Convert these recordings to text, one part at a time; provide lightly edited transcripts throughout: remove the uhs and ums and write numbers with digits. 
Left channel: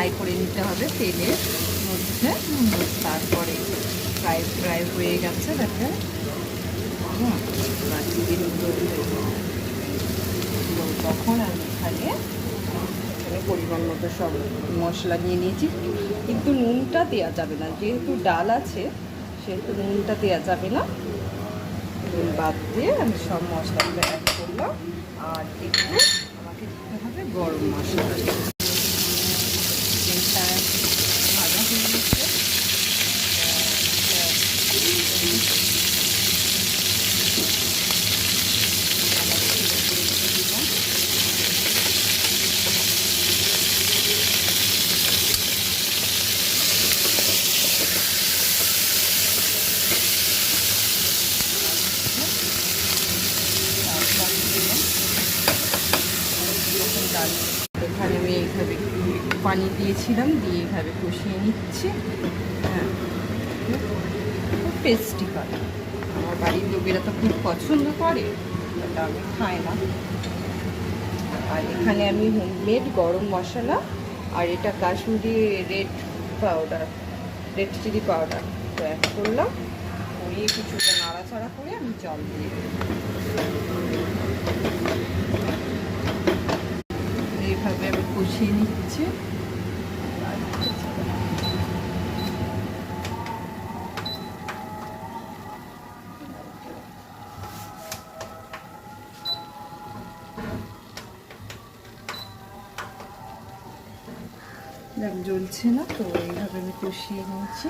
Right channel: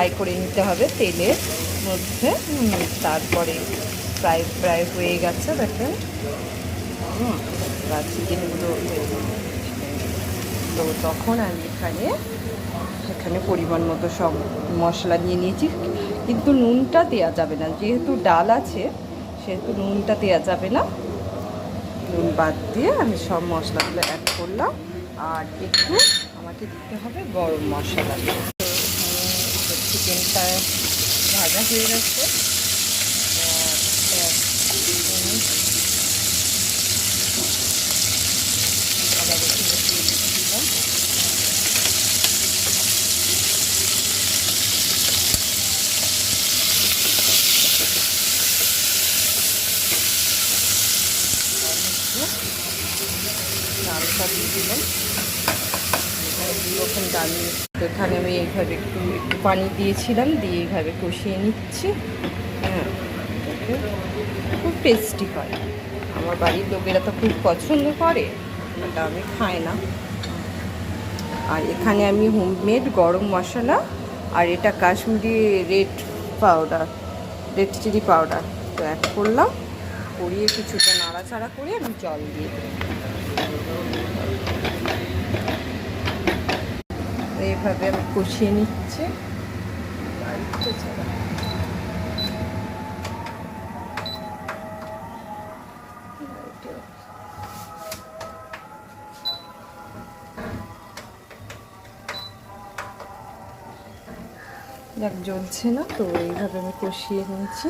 Fry করে নিতে হবে তেলের মধ্যে। তারপরে প্রায় হয়ে গেছে দেখেন। চিকেনগুলো তো তখন এখানে পরিমাণ মতো সব মশলা নিয়ে নিয়েছি, কিন্তু নুনটা দেওয়া যাবে না, যেহেতু ডাল আছে সেহেতু নুনটা দেওয়া যাবে না। নুন বাদ দিয়ে আমি সব মশলাগুলো অ্যাড করলাম। আর একটু আমাকে দিতে হবে গরম মশলা। চিকেনটা ভাজা হয়ে গেছে। ডাল এখানে আমি এইভাবে পানি দিয়েছিলাম, দিয়ে এইভাবে কষিয়ে নিচ্ছি। হ্যাঁ, খুব টেস্টি হয়। আমার বাড়ির লোকেরা তো খুব পছন্দ করে, ওটা আমি খাই না। আর এখানে আমি হোমমেড গরম মশলা আর এটা কাশ্মীরি রেড চিলি পাউডার তো অ্যাড করলাম। করিয়ে কিছুটা নাড়াচাড়া করে আমি জল দিয়ে দিই। এইভাবে আমি কষিয়ে নিচ্ছি। দেখ জ্বলছে না তো, এইভাবে আমি কষিয়ে নিয়েছি।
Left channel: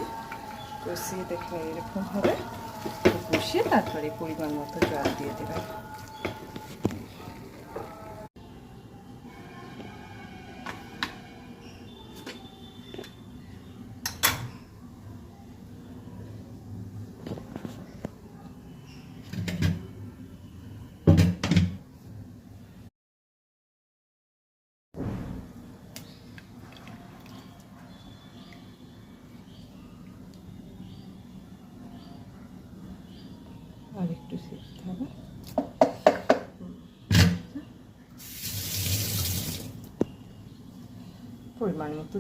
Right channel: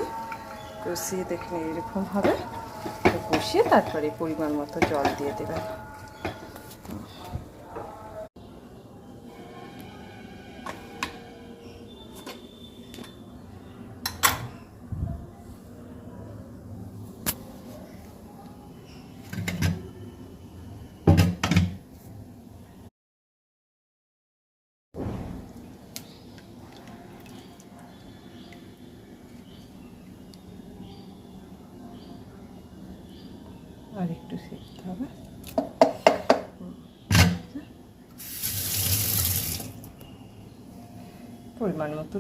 কষিয়ে দেখে এরকম হবে, তো কষিয়ে তারপরে পরিমাণ মতো জল দিয়ে দেবেন। আর একটু শিখতে হবে, পরিমাণ মতো